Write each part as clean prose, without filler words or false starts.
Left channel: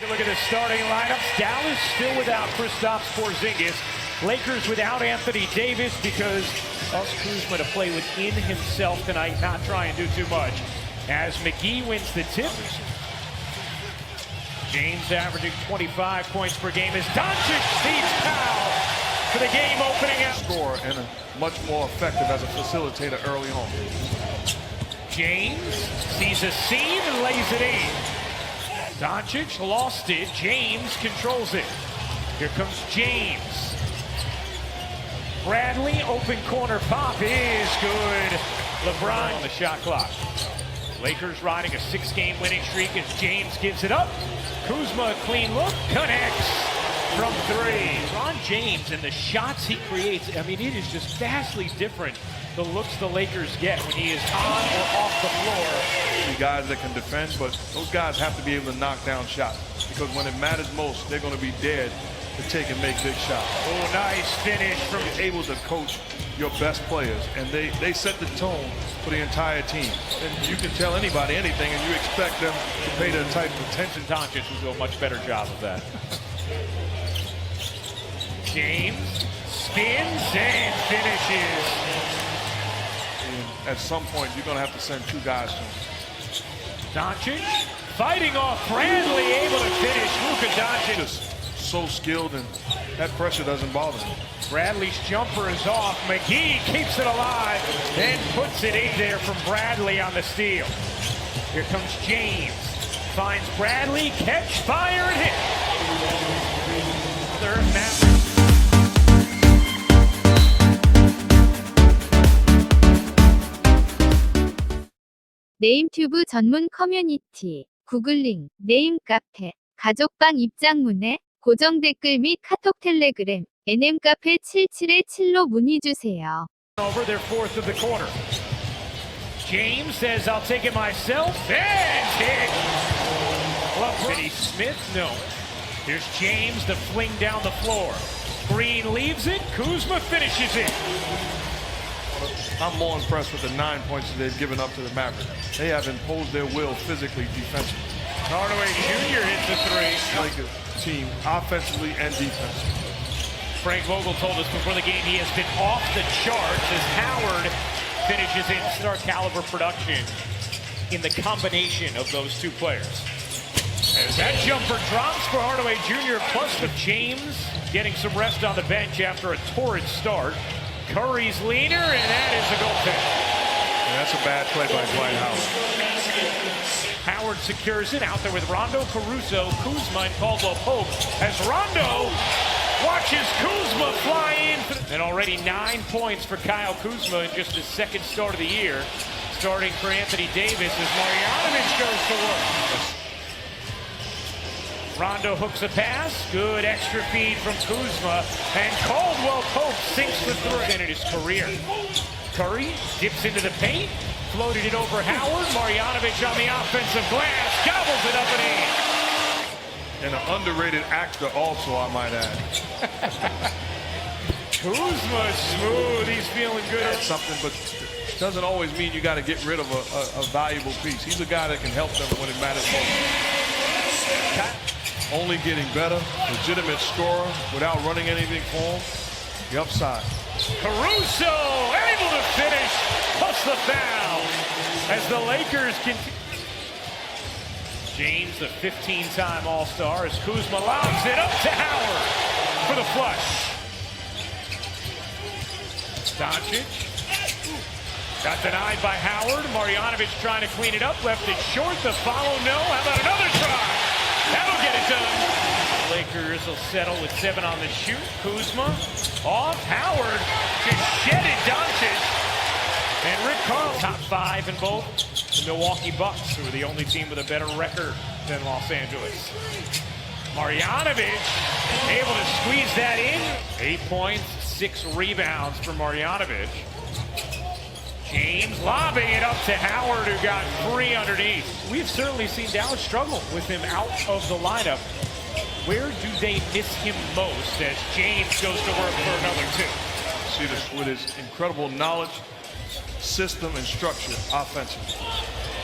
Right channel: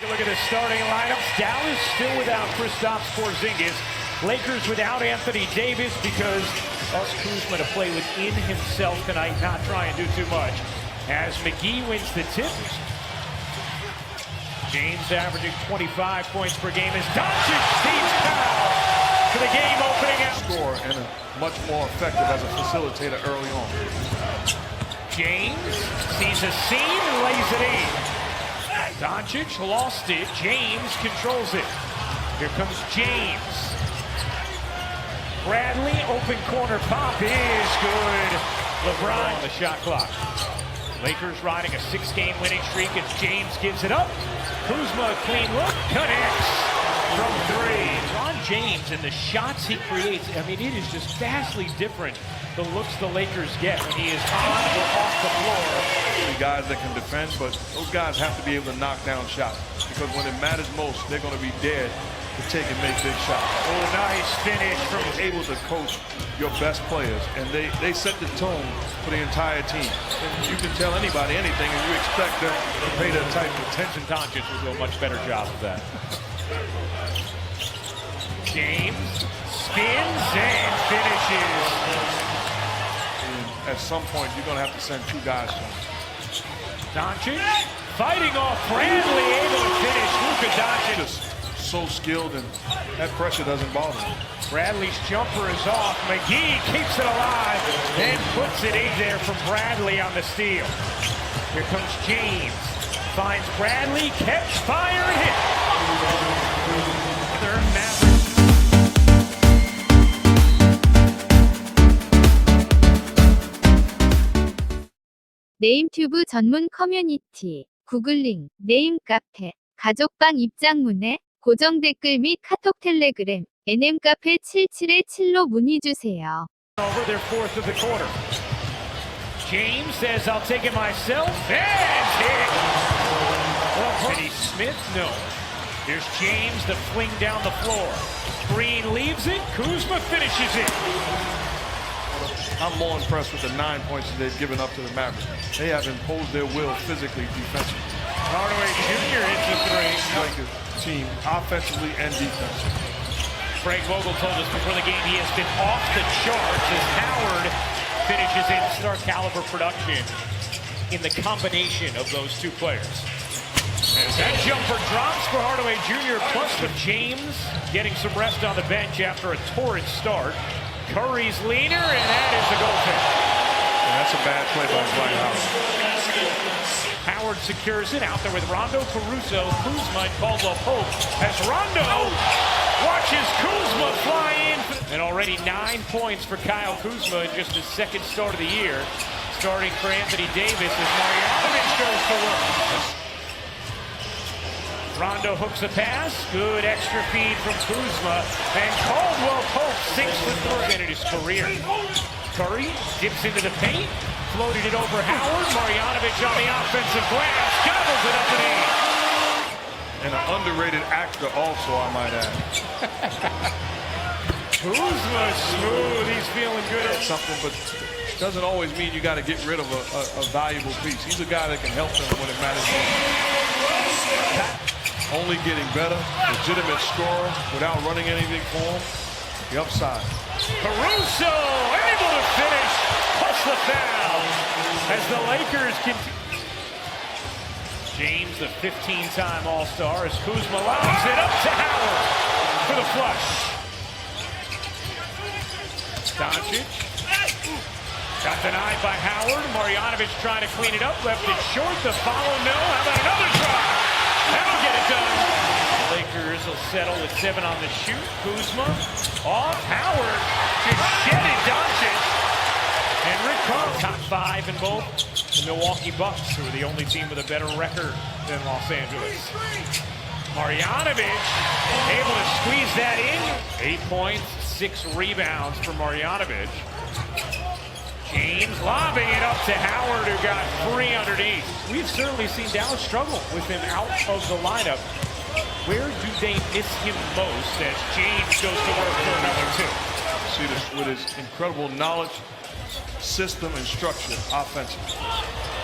Take a look at the starting lineups. Dallas still without Kristaps Porzingis. Lakers without Anthony Davis because Kuzma to play within himself tonight, not try and do too much. As McGee wins the tip. James averaging 25 points per game as Doncic feeds Powell for the game opening out. Score and much more effective as a facilitator early on. James sees a seam and lays it in. Doncic lost it. James controls it. Here comes James. Bradley, open corner pop is good. LeBron on the shot clock. Lakers riding a 6-game winning streak as James gives it up. Kuzma, clean look, connects from three. LeBron James and the shots he creates, I mean, it is just vastly different. The looks the Lakers get when he is on or off the floor. The guys that can defend, but those guys have to be able to knock down shots because when it matters most, they're going to be dead to take and make big shots. Oh, nice finish from... You're able to coach your best players, and they set the tone for the entire team. And you can tell anybody anything, and you expect them to pay that type of attention. Doncic will do a much better job of that. James spins and finishes. And at some point, you're going to have to send 2 guys to him. Doncic fighting off Bradley, able to finish. Luka Doncic. Just so skilled, and that pressure doesn't bother him. Bradley's jumper is off. McGee keeps it alive, then puts it in there from Bradley on the steal. Here comes James. Finds Bradley, catch, fire, and hit. Other Mavericks. 네임튜브 전문 커뮤니티, 구글링, 네임 카페, 가족방 입장문에 고정 댓글 및 카톡 텔레그램, nm카페 777로 문의주세요. Over their fourth of the quarter. James says, I'll take it myself, and hit. Finney Smith, no. Here's James to fling down the floor. Green leaves it, Kuzma finishes it. I'm more impressed with the 9 points that they've given up to the Mavericks. They have imposed their will physically, defensively. Hardaway Jr. hits a three. Lakers team offensively and defensively. Frank Vogel told us before the game he has been off the charts as Howard finishes in star caliber production in the combination of those two players. As that jumper drops for Hardaway Jr. plus with James getting some rest on the bench after a torrid start. Curry's leaner, and that is the goaltend. And that's a bad play by Dwight Howard. Howard secures it out there with Rondo, Caruso, Kuzma, and Caldwell Pope as Rondo watches Kuzma fly in. And already 9 points for Kyle Kuzma in just his second start of the year. Starting for Anthony Davis as Marjanovic goes to work. Rondo hooks a pass. Good extra feed from Kuzma. And Caldwell Pope sinks the three in his career. Curry dips into the paint. Floated it over Howard. Marjanovic on the offensive glass. Gobbles it up and in. And an underrated actor also, I might add. Kuzma smooth. He's feeling good. That's something, but doesn't always mean you got to get rid of a valuable piece. He's a guy that can help them when it matters most. Only getting better, legitimate scorer without running anything for him. The upside. Caruso able to finish, plus the foul as the Lakers continue. James, the 15-time All-Star, as Kuzma lobs it up to Howard for the flush. Doncic got denied by Howard. Marjanovic trying to clean it up, left it short. The follow, no. How about another try? That'll get it done. The Lakers will settle with 7 on the shoot. Kuzma off. Howard just shedded Doncic. And Rick Carlisle. Top 5 in both. The Milwaukee Bucks, who are the only team with a better record than Los Angeles. Marjanovic able to squeeze that in. 8 points, 6 rebounds for Marjanovic. James lobbing it up to Howard, who got free underneath. We've certainly seen Dallas struggle with him out of the lineup. Where do they miss him most as James goes to work for another 2? See this with his incredible knowledge, system, and structure offensively.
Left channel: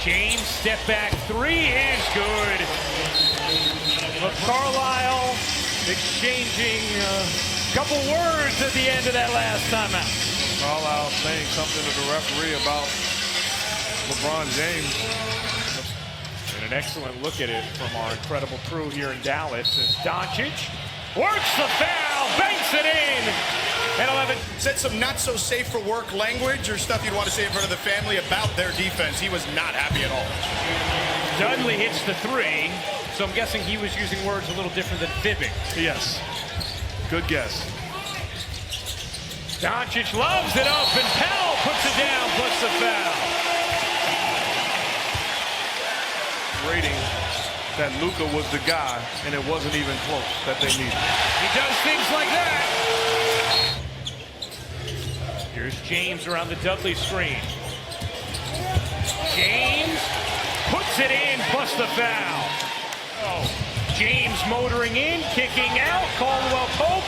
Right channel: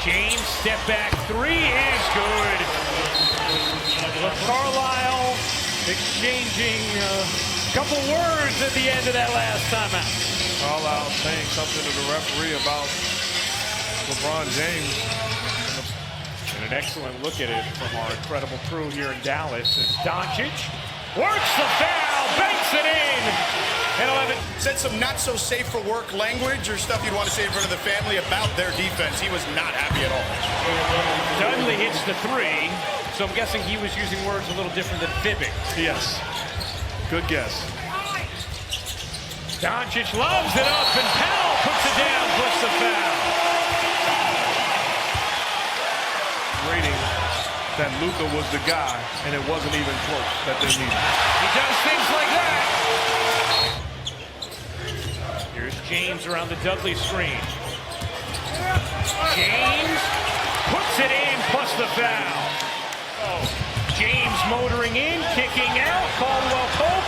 James step back 3 is good. Carlisle exchanging a couple words at the end of that last timeout. Carlisle saying something to the referee about LeBron James. And an excellent look at it from our incredible crew here in Dallas as Doncic works the foul, banks it in. And 11. Said some not so safe for work language or stuff you'd want to say in front of the family about their defense. He was not happy at all. Dudley hits the three, so I'm guessing he was using words a little different than fibbing. Yes. Good guess. Doncic loves it up, and Powell puts it down, plus the foul. Rating that Luka was the guy, and it wasn't even close that they needed. He does things like that. Here's James around the Dudley screen. James puts it in, plus the foul. Oh, James motoring in, kicking out. Caldwell Pope,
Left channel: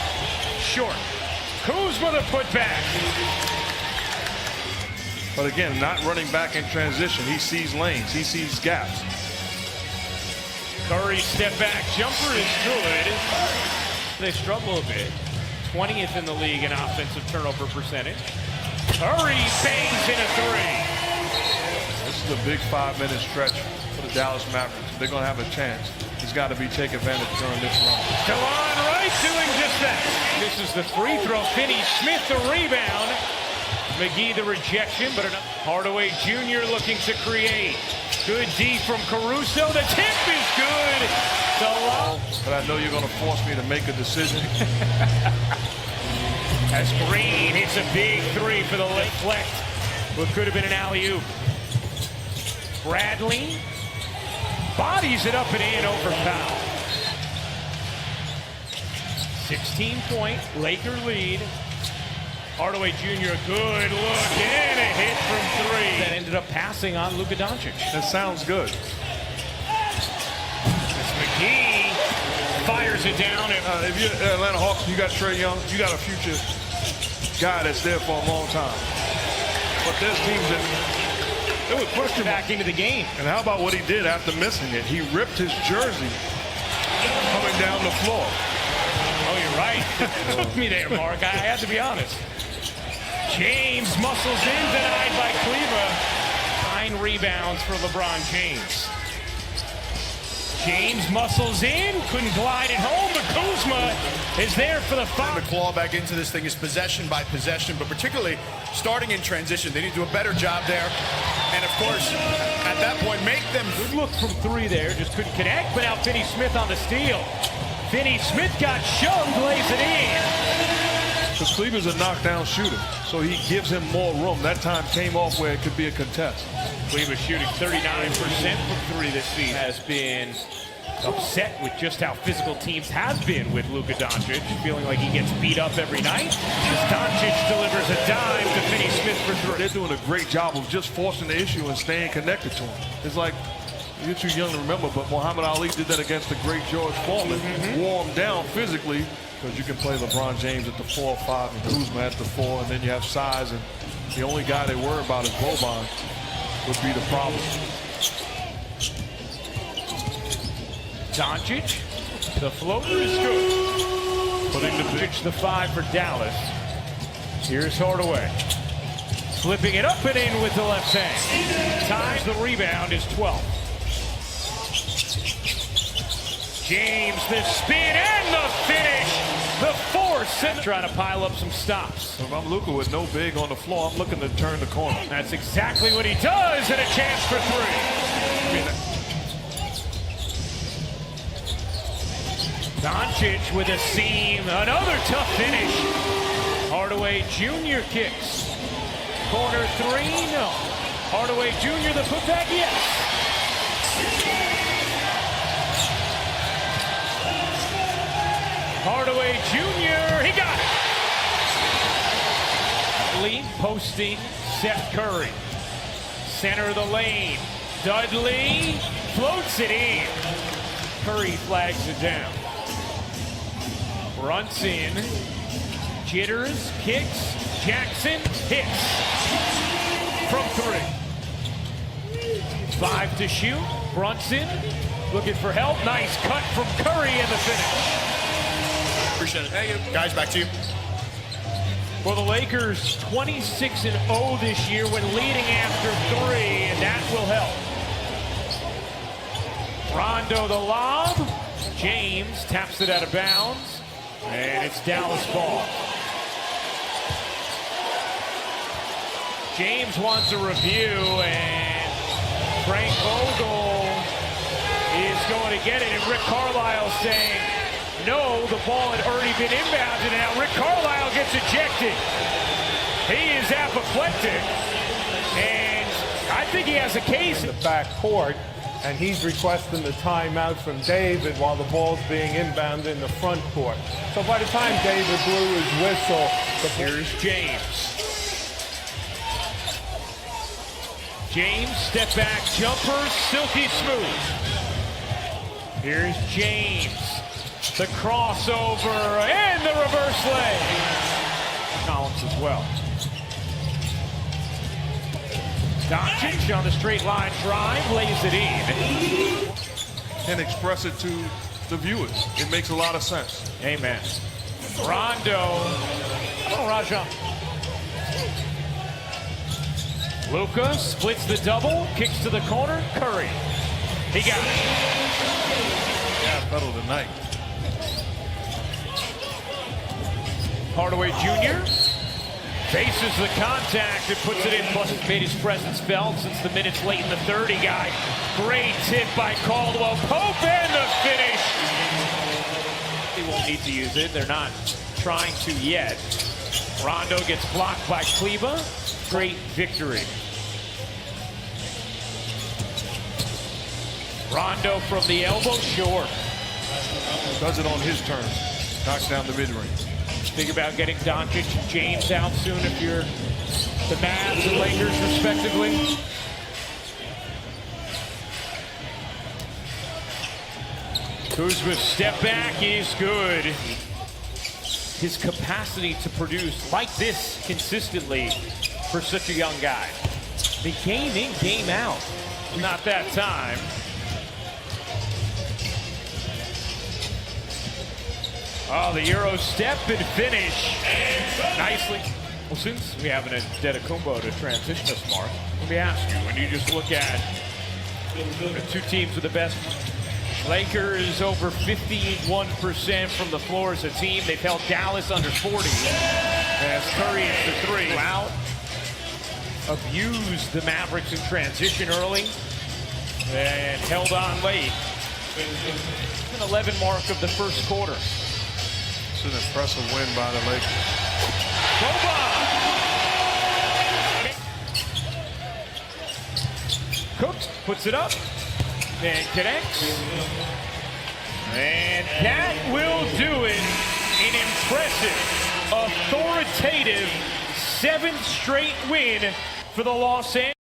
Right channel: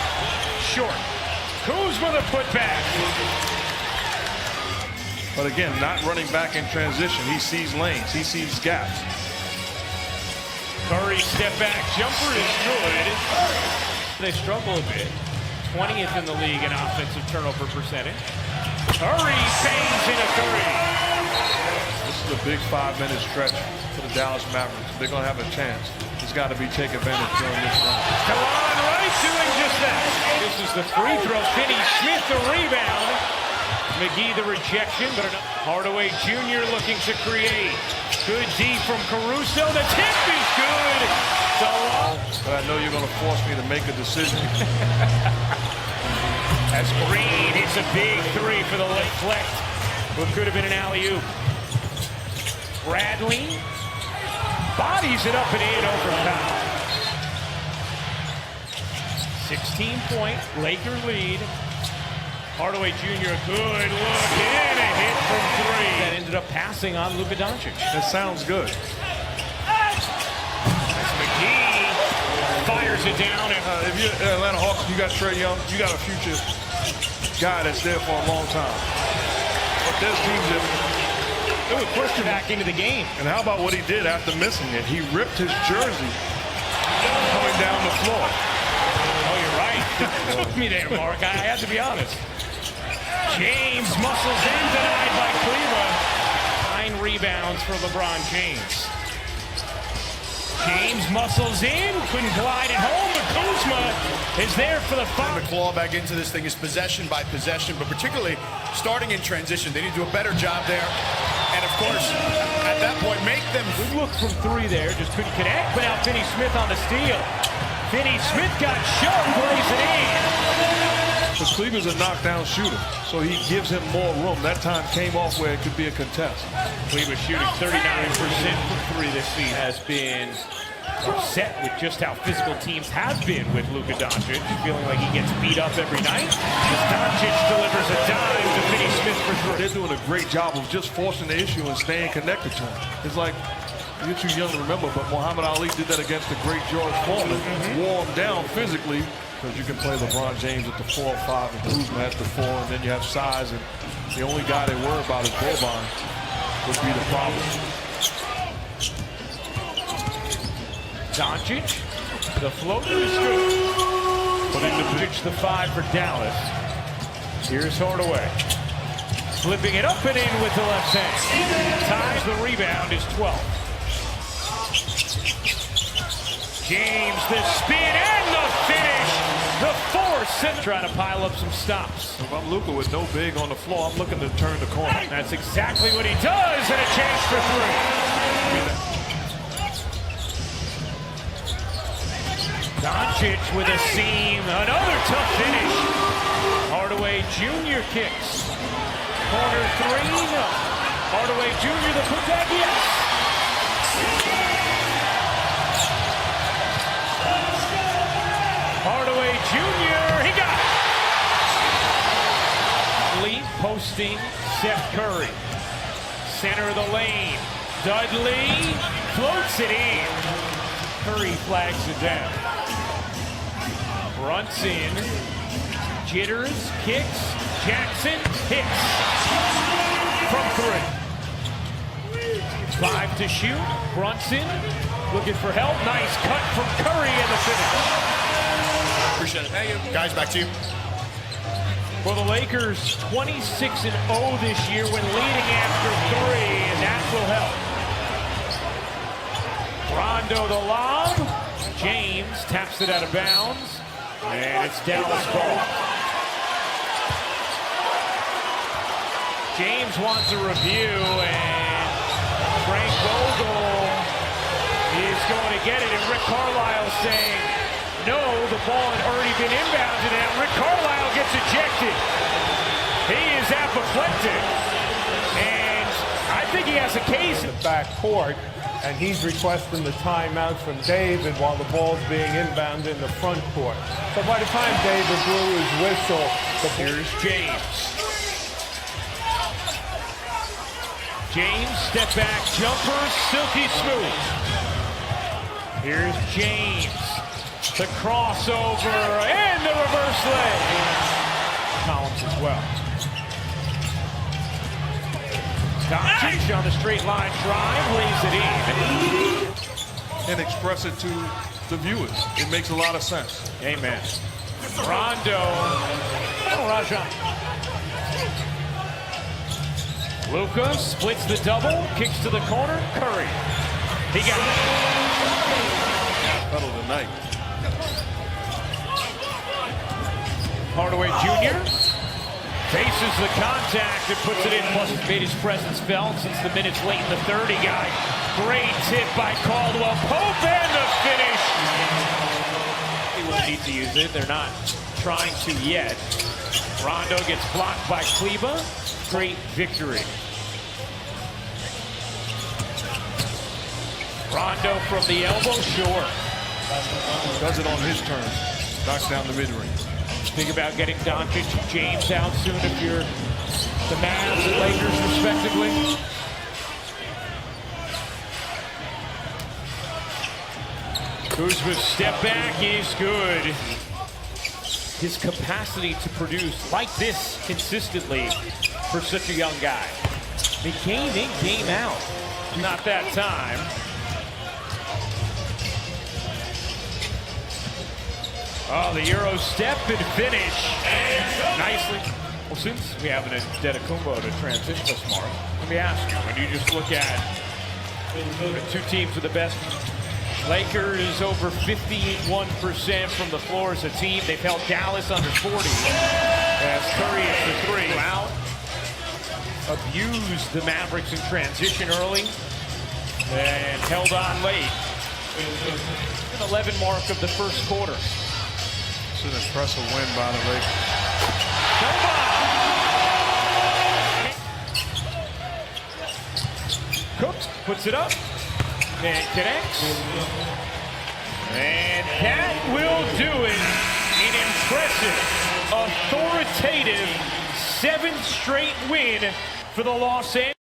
short. Kuzma the putback. But again, not running back in transition. He sees lanes. He sees gaps. Curry's step back jumper is good. They struggle a bit. 20th in the league in offensive turnover percentage. Curry bangs in a three. This is a big 5-minute stretch for the Dallas Mavericks. If they're going to have a chance, it's got to be take advantage during this run. Delon Wright doing just that. This is the free throw. Finney Smith the rebound. McGee the rejection, but enough. Hardaway Jr. looking to create. Good D from Caruso. The tip is good. Delon. But I know you're going to force me to make a decision. As Green hits a big three for the deflect. What could have been an alley-oop. Bradley bodies it up and in over Powell. 16-point Laker lead. Hardaway Jr. good look and a hit from three. That ended up passing on Luka Doncic. That sounds good. As McGee fires it down. If you're Atlanta Hawks, you got Trae Young, you got a future guy that's there for a long time. But there's teams that it would push him back into the game. And how about what he did after missing it? He ripped his jersey coming down the floor. Oh, you're right. It took me there, Mark. I had to be honest. James muscles in, denied by Cleaver. 9 rebounds for LeBron James. James muscles in, couldn't glide it home, but Kuzma is there for the foul. The claw back into this thing is possession by possession, but particularly starting in transition. They need to do a better job there. And of course, at that point, make them. Good look from three there, just couldn't connect, but now Finney Smith on the steal. Finney Smith got shoved, lays it in. So Cleaver's a knockdown shooter, so he gives him more room. That time came off where it could be a contest. Cleaver shooting 39% from three this season. Has been upset with just how physical teams have been with Luka Doncic, feeling like he gets beat up every night. As Doncic delivers a dime to Finney Smith for three. They're doing a great job of just forcing the issue and staying connected to him. It's like, you're too young to remember, but Muhammad Ali did that against the great George Foreman. Wore him down physically, because you can play LeBron James at the 4 or 5 and Kuzma at the 4, and then you have size, and the only guy they worry about is Boban would be the problem. Doncic, the floater is good. Putting the Doncic the 5 for Dallas. Here's Hardaway. Flipping it up and in with the left hand. Times the rebound is 12. James, the spin and the finish. The force. And trying to pile up some stops. If I'm Luka with no big on the floor, I'm looking to turn the corner. That's exactly what he does, and a chance for three. Doncic with a seam. Another tough finish. Hardaway Jr. kicks. Corner three, no. Hardaway Jr. the putback, yes. Hardaway Jr. He got it. Lee posting Seth Curry. Center of the lane. Dudley floats it in. Curry flags it down. Brunson. Jitters, kicks. Jackson hits. From three. 5 to shoot. Brunson Looking for help. Nice cut from Curry in the finish. Appreciate it. Thank you. Guys, back to you. For the Lakers, 26-0 this year when leading after 3, and that will help. Rondo the lob. James taps it out of bounds, and it's Dallas ball. James wants a review, and Frank Vogel is going to get it, and Rick Carlisle saying, no, the ball had already been inbounded, and now Rick Carlisle gets ejected. He is apoplectic, and I think he has a case. In the back court, and he's requesting the timeout from David while the ball's being inbounded in the front court. So by the time David blew his whistle, here's James. James, step back jumper, silky smooth. Here's James. The crossover and the reverse leg. Collins as well. Doncic on the straight line drive, lays it in. And express it to the viewers. It makes a lot of sense. Amen. Rondo. Oh, Rajon. Luka splits the double, kicks to the corner. Curry. He got it. Yeah, pedal tonight. Hardaway Jr. faces the contact and puts it in. Plus, it made his presence felt since the minutes late in the third. He got great tip by Caldwell Pope and the finish. They won't need to use it. They're not trying to yet. Rondo gets blocked by Kleba. Great victory. Rondo from the elbow, sure. Does it on his terms. Knocks down the mid-range. Think about getting Doncic and James out soon if you're the Mavs and Lakers, respectively. Kuzma's step back is good. His capacity to produce like this consistently for such a young guy. I mean, game in, game out. Not that time. Oh, the Euro step and finish. Nicely. Well, since we have an Antetokounmpo to transition us, Mark, let me ask you, when you just look at the two teams with the best, Lakers over 51% from the floor as a team. They've held Dallas under 40 as Curry hits the three. Out. Abused the Mavericks in transition early and held on late. It's an 11 mark of the first quarter. It's an impressive win by the Lakers. Boban! Cooks puts it up and connects. And that will do it. An impressive, authoritative 7th straight win for the Los Angeles.